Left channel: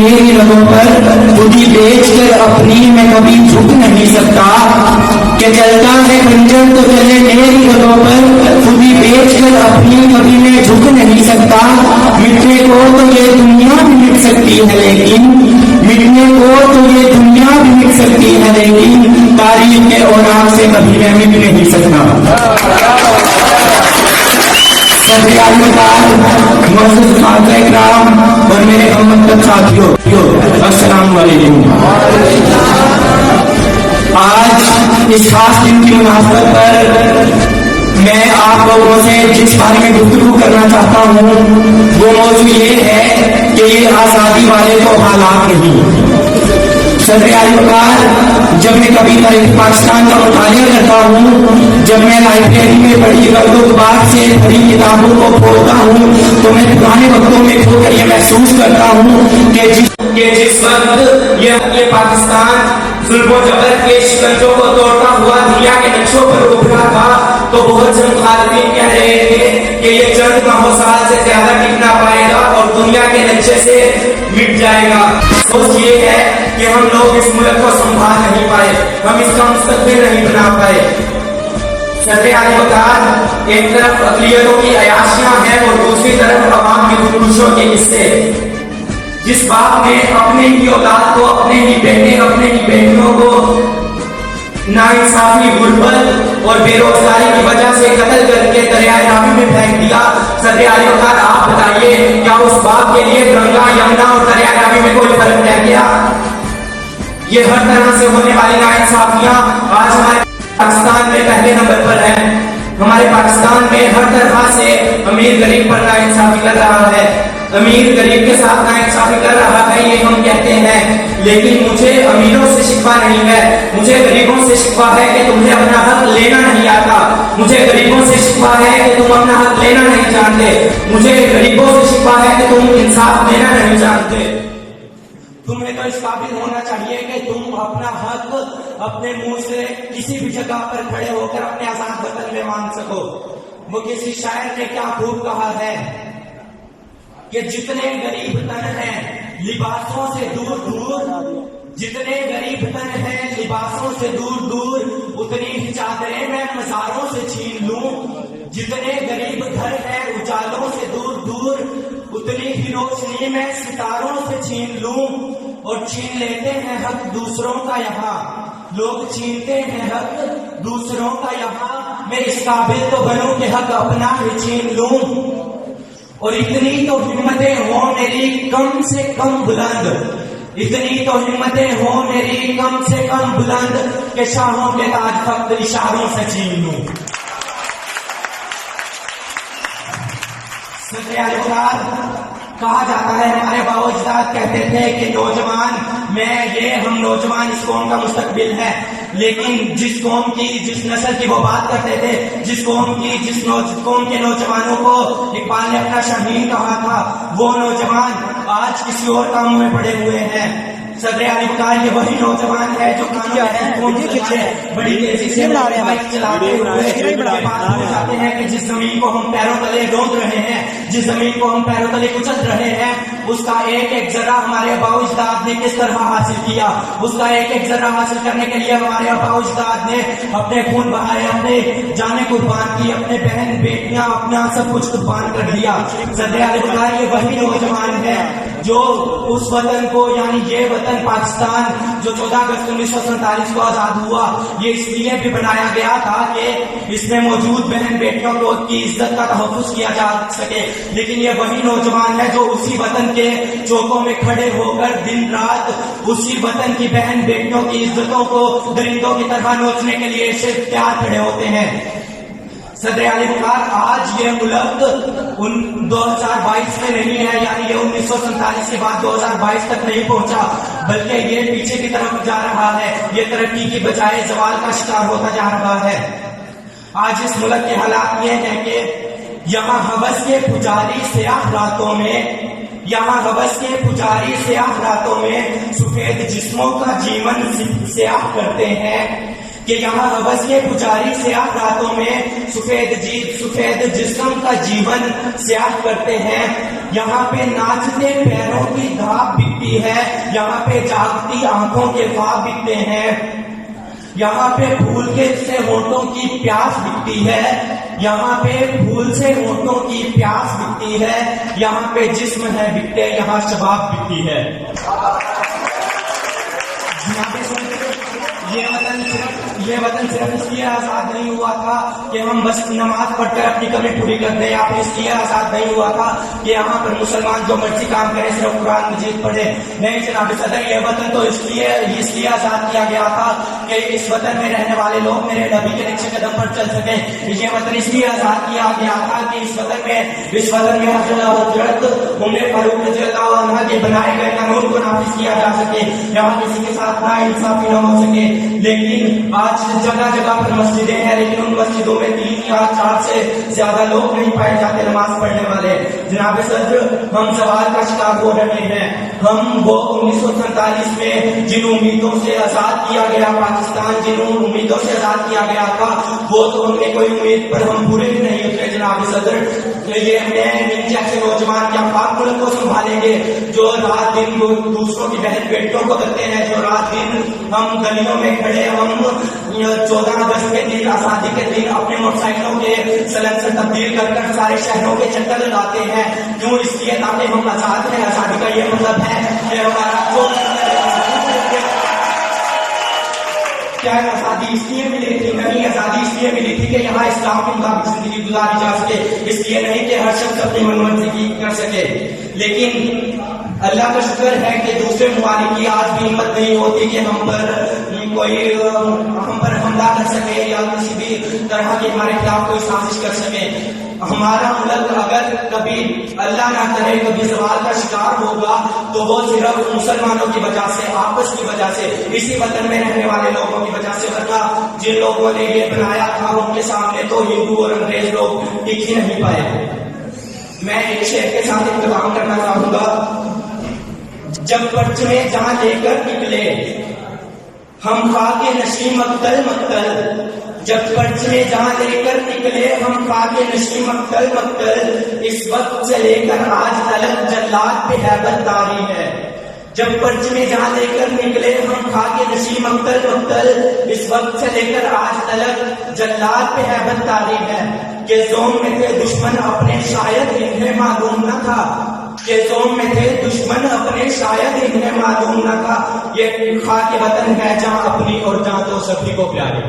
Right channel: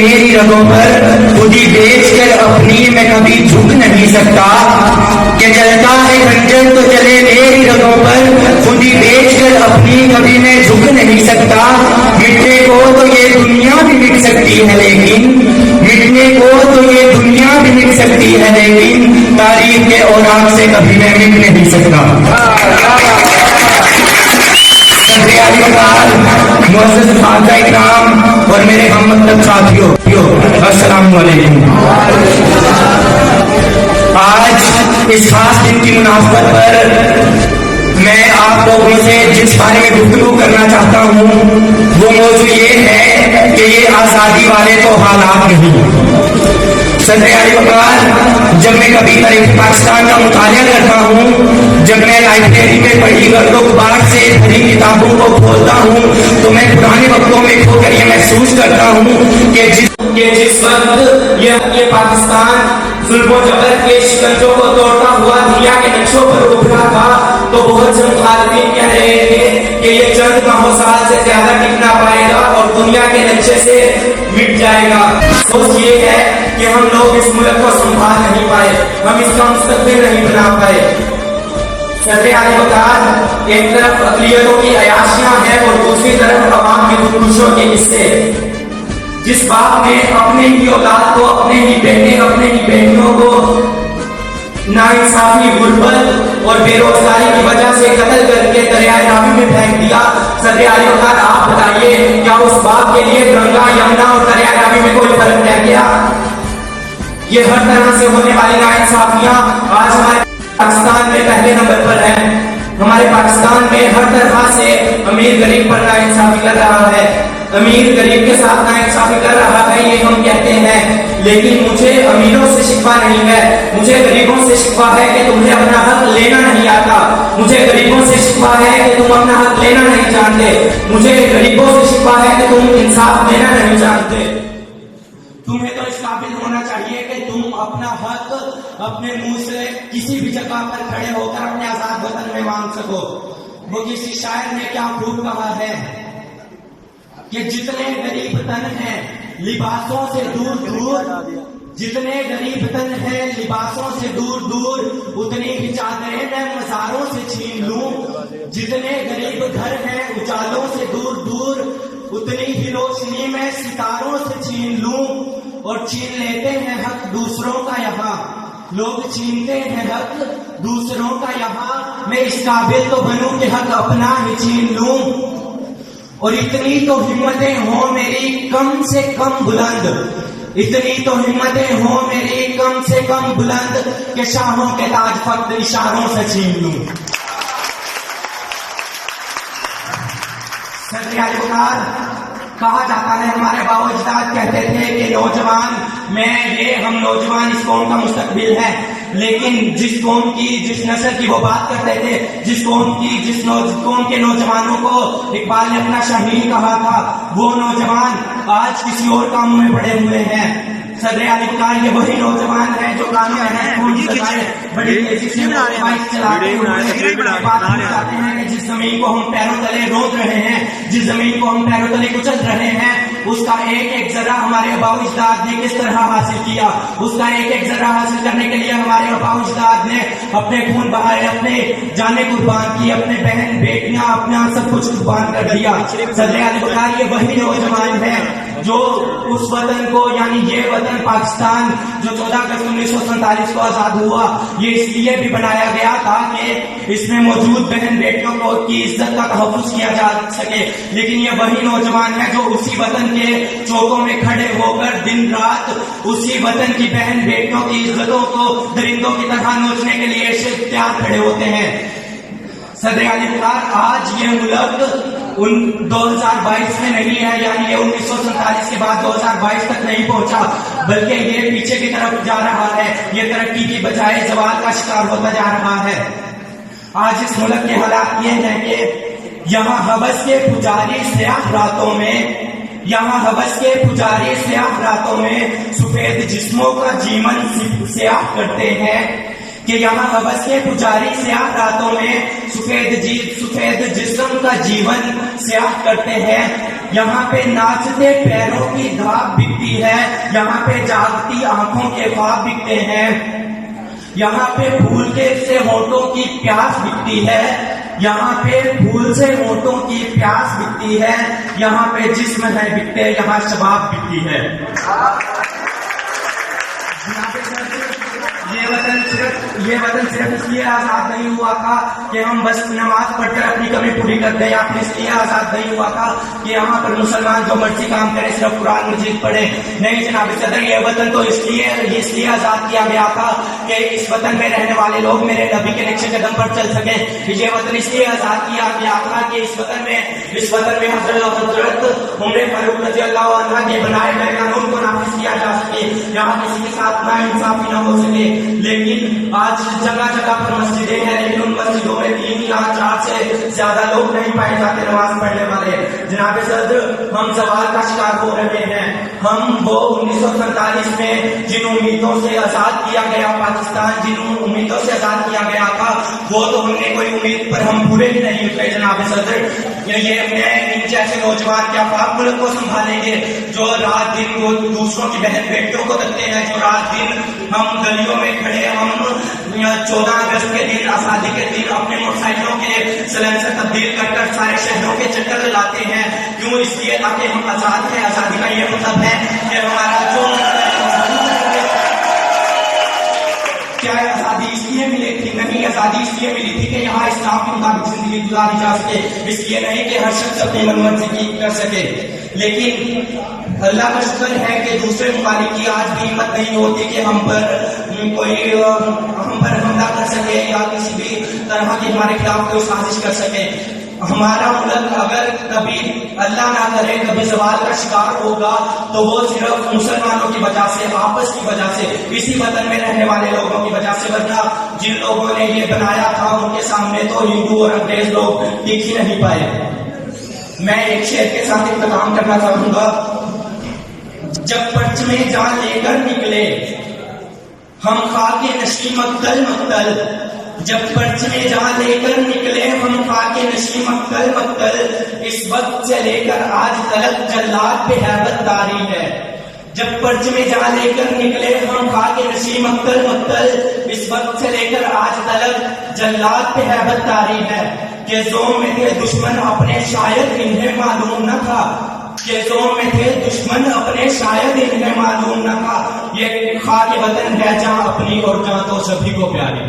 میری رگوں پر خودی بیچ کر اپنی میں کبھی جھک نہیں سکتا، کہ چلتا ہے خنجر تو چلے میری رگوں پر خودی بیچ کر اپنی کبھی میں جھک نہیں سکتا۔ مٹنے کو تو یہ دنیا بھی مٹ سکتی ہے لیکن مٹنے کو تو یہ دنیا بھی مٹ سکتی ہے لیکن تاریخ کے اوراق سے کبھی میں مٹ نہیں سکتا۔ معزز خواجہ اکرام اور میرے ہم مطلب ساتھیوں، السلام علیکم۔ آج اس خاص دن کی مناسبت پر میں آپ لوگوں سے جس بارے میں گفتگو کرنا چاہتا ہوں وہ موضوع یہ ہے کہ یہ آزادی والے تو حالات نہیں۔ صدر علی وقار، جب میں کبھی تاریخ پاکستان کا مطالعہ کرتا ہوں، جب میں لائبریری میں پڑھی گردو غبار سے بھری کتابوں کو کھولتا ہوں تو میں پرانے وقتوں میں کھو کر یہ محسوس کرتا ہوں کہ جس وقت یہ پاکستان ظلم و جبر کے شکنجوں کو توڑتا ہوا دنیا کے نقشوں پر ابھرا تھا تو بہت سے مخالفین کہہ رہے تھے کہ یہ چند ماہ سال سے زیادہ ٹک نہ پائے گا اور دنیا کے نقشے سے مٹ جائے گا۔ سوچ یہ ہے کہ ہم لوگ اس ملک کو سنبھال نہیں پائے، ہم اس کا مستقبل نہیں بنا پائے۔ صدر اعلی وقار، ایک طرف اقلیتوں کی عیاشیاں ہیں اور دوسری طرف عوام کی خودکشیوں کے قصے۔ جس باپ نے اپنے ہی اولاد کو، اپنے ہی بیٹے، اپنے ہی بیٹیوں کو ناانصافی، غربت اور بے روزگاری کی وجہ سے قتل کر کے دریائے راوی میں پھینک دیا، صدر اعلی وقار آپ بتائیے کیا اس باپ کے لیے گنگا، یمنا اور دریائے راوی میں کوئی فرق رہ گیا؟ یہ ہر طرح سے ہونے والی ناانصافیاں آج ہمارے پاکستان میں پہلے نمبر پر ہے۔ ہمارے پاکستان میں ہر طرح سے امیر غریب پر ناانصافی کر رہا ہے، امیر غریب کے ساتھ ناانصافی کر رہا ہے، یہ ہم کہتے ہیں، لیکن مجھے امیروں سے شکوہ نہیں ہے، مجھے غریبوں سے شکوہ ہے کہ تمہیں اپنا حق لینا نہیں آتا، مجھے غریبوں سے شکوہ ہے کہ تم اپنا حق لینا نہیں جانتے، مجھے غریبوں سے شکوہ ہے کہ تم انصاف لینا نہیں جانتے۔ تمہیں تو اس قابل ہونا چاہیے کہ تم اپنا حق اپنے منہ سے کسی بھی جگہ پر کھڑے ہو کر اپنے آزاد وطن میں مانگ سکو۔ وہ کسی شاعر نے کیا خوب کہا ہے کہ جتنے غریب تن ہیں لباسوں سے دور دور، جتنے غریب تن ہیں لباسوں سے دور دور، اتنی ہی چادریں میں مزاروں سے چھین لوں، جتنے غریب گھر ہیں اجالوں سے دور دور، اتنی ہی روشنی میں ستاروں سے چھین لوں، اور چھین لیتے ہیں حق دوسروں کا یہاں، لوگ چھینتے ہیں حق دوسروں کا یہاں، میں اس قابل تو بنوں کہ حق اپنا ہی چھین لوں، اور اتنی تو ہمتیں ہوں میری کم سے کم بلند، اتنی تو ہمتیں ہوں میری کم سے کم بلند کہ شاہوں کے تاج فقط اشاروں سے چھین لوں۔ صدر اعلی وقار، کہا جاتا ہے، ہمارے باو اجداد کہتے تھے کہ نوجوان ہم نوجوان اس قوم کا مستقبل ہے، لیکن جس قوم کی، جس نسل کی وہ بات کرتے تھے، جس قوم کے نوجوانوں کو اقبال نے اپنا شاہین کہا تھا، وہ نوجوان آج کسی اور کام میں پڑے ہوئے ہیں۔ صدر اعلی وقار، یہ وہی نوجوان ہے جو قانون بڑی تیزی سے بائک چلاتے ہوئے چاہتے ہیں کہ جس زمین کو ہم پیروں تلے روک رہے ہیں، جس زمین کو ہم پیروں تلے کچل رہے ہیں، اس کا ایک ایک ذرہ ہمارے آباء و اجداد نے کس طرح حاصل کیا، اس کا ایک ایک ذرہ حاصل کرنے کے لیے ہمارے آباء و اجداد نے اپنے خون بہائے، اپنے جانیں قربان کی، اپنے بہن بیٹیاں اپنا سب کچھ قربان کر دیا۔ صدر اعلی وقار، یہ وہی نوجوان ہے جو اس وطن کو، یعنی یہ وطن پاکستان جو 14 اگست 1947 کو آزاد ہوا، یہ اس لیے بھی بنایا گیا تھا کہ اس میں موجود بہن بیٹیوں کو کی عزت کا تحفظ کیا جا سکے، لیکن یہ وہی نوجوان ہے جو اسی وطن کے چوکوں میں کھڑے ہو کر دن رات اسی وطن کی بہن بیٹیوں کی عزتوں کو درندوں کی طرح نوچنے کے لیے تیار کھڑے ہوتے ہیں۔ صدر اعلی وقار، آج یہ ملک 2022 میں نہیں ہے، یعنی یہ 1947 کے بعد 2022 تک نہیں پہنچا، بلکہ یہ پیچھے کی طرف جا رہا ہے، یہ ترقی کی بجائے زوال کا شکار ہوتا جا رہا ہے۔ آج اس ملک کے حالات یہ ہیں کہ یہاں ہوس کے پجاری سیاہ راتوں میں، یہاں ہوس کے پجاری سیاہ راتوں میں سفید جسموں کا جیون سیاہ کرتے ہیں، کہ یہاں ہوس کے پجاری سیاہ راتوں میں سفید جسم کا جیون سیاہ کرتے ہیں، یہاں پہ ناچتے پیروں کی دھاپ بکتی ہے، یہاں پہ جاگتی آنکھوں کے خواب بکتے ہیں، یہاں پہ پھول کے سے ہونٹوں کی پیاس بکتی ہے، یہاں پہ پھول سے ہونٹوں کی پیاس بکتی ہے، یہاں پہ جسم ہے بکتے، یہاں شباب بکتی ہے۔ یہ وطن صرف اس لیے آزاد نہیں ہوا تھا کہ ہم بس نماز پڑھ کر اپنی کمی پوری کر دیں، یا پھر اس لیے آزاد نہیں ہوا تھا کہ یہاں پر مسلمان جو مرضی کام کرے صرف قرآن مجید پڑھے۔ نہیں جناب صدر، یہ وطن تو اس لیے آزاد کیا گیا تھا کہ اس وطن میں رہنے والے لوگ میرے نبی کے نقش قدم پر چل سکیں۔ یہ وطن اس لیے آزاد کیا گیا تھا کہ اس وطن میں حضرت عمر فاروق رضی اللہ عنہ کے بنائے گئے قانون کو نافذ کیا جا سکے، یہاں کسی کے ساتھ ناانصافی نہ ہو سکے۔ لیکن آج جگہ جگہ پر مسجدیں ہیں، لیکن ان مسجدوں میں 3 یا 4 سے زیادہ لوگ نہیں پائے جاتے نماز پڑھنے والے۔ جناب صدر، ہم سوال کا شکار ہو رہے ہیں۔ ہم وہ 1947 میں جن امیدوں سے آزاد کیا گیا پاکستان، جن امیدوں سے آزاد کیا گیا تھا، وہ تو ہم نے کوئی امید پر ہم پورے ہی نہیں اترے جناب صدر۔ یہ جیسے نوجوان کیا پاک ملک کو سنبھالیں گے جو رات دن دوسروں کی بہن بیٹیوں کو رکھتے ہیں، جو رات دن ہم گلیوں میں کھڑے، ہم 14 اگست کے دن، آزادی کے دن اپنے موٹر سائیکلوں کے سلنسر تبدیل کر کر سارے شہروں کے چکر لگاتے ہیں، کیوں؟ اس لیے تاکہ ہم آزاد ہیں۔ آزادی کا یہ مطلب ہے کہ ہمارا جو کیا آزادی اس لیے ملی تھی؟ نہیں، آزادی اس لیے ملی تھی کہ یہاں اسلام کے مطابق زندگی گزاری جا سکے، اس لیے نہیں کہ ہر شخص اپنی من مرضی کر سکے۔ لیکن اللہ کا شکر ہے کہ دوسرے ممالک کی آج بھی ہمت نہیں ہوتی کہ ہم پر حملہ کر سکے یا کسی بھی طرح کی ہمارے خلاف کوئی سازش کر سکے۔ ہمارا ملک اگر کبھی اللہ نہ کرے کبھی زوال کا شکار ہوگا تو وہ صرف مسلمانوں کی وجہ سے، آپس کی وجہ سے، اسی وطن میں رہنے والے لوگوں کی وجہ سے، ورنہ جن لوگوں نے یہ بنایا تھا ان کے سامنے تو ہندو اور انگریز لوگ ٹک ہی نہیں پائے۔ میں ایک شعر کے ساتھ اختتام کرنا چاہوں گا۔ جب پرچمے جان لے کر نکلے ہم خاک نشیں مقتل مقتل، جب پرچمے جان لے کر نکلے ہم خاک نشیں مقتل مقتل، اس وقت سے لے کر آج تلک جلاد پہ ہیبت طاری ہے۔ جب پرچمے جان لے کر نکلے ہم خاک نشیں مقتل مقتل، اس وقت سے لے کر آج تلک جلاد پہ ہیبت طاری ہے۔ کہ زون میں تھے دشمن اپنے شاید انہیں معلوم نہ تھا، کہ زون میں تھے دشمن اپنے شاید انہیں معلوم نہ تھا، یہ خاک وطن ہے جہاں اپنی اور جہاں تو سبھی کو پیاری۔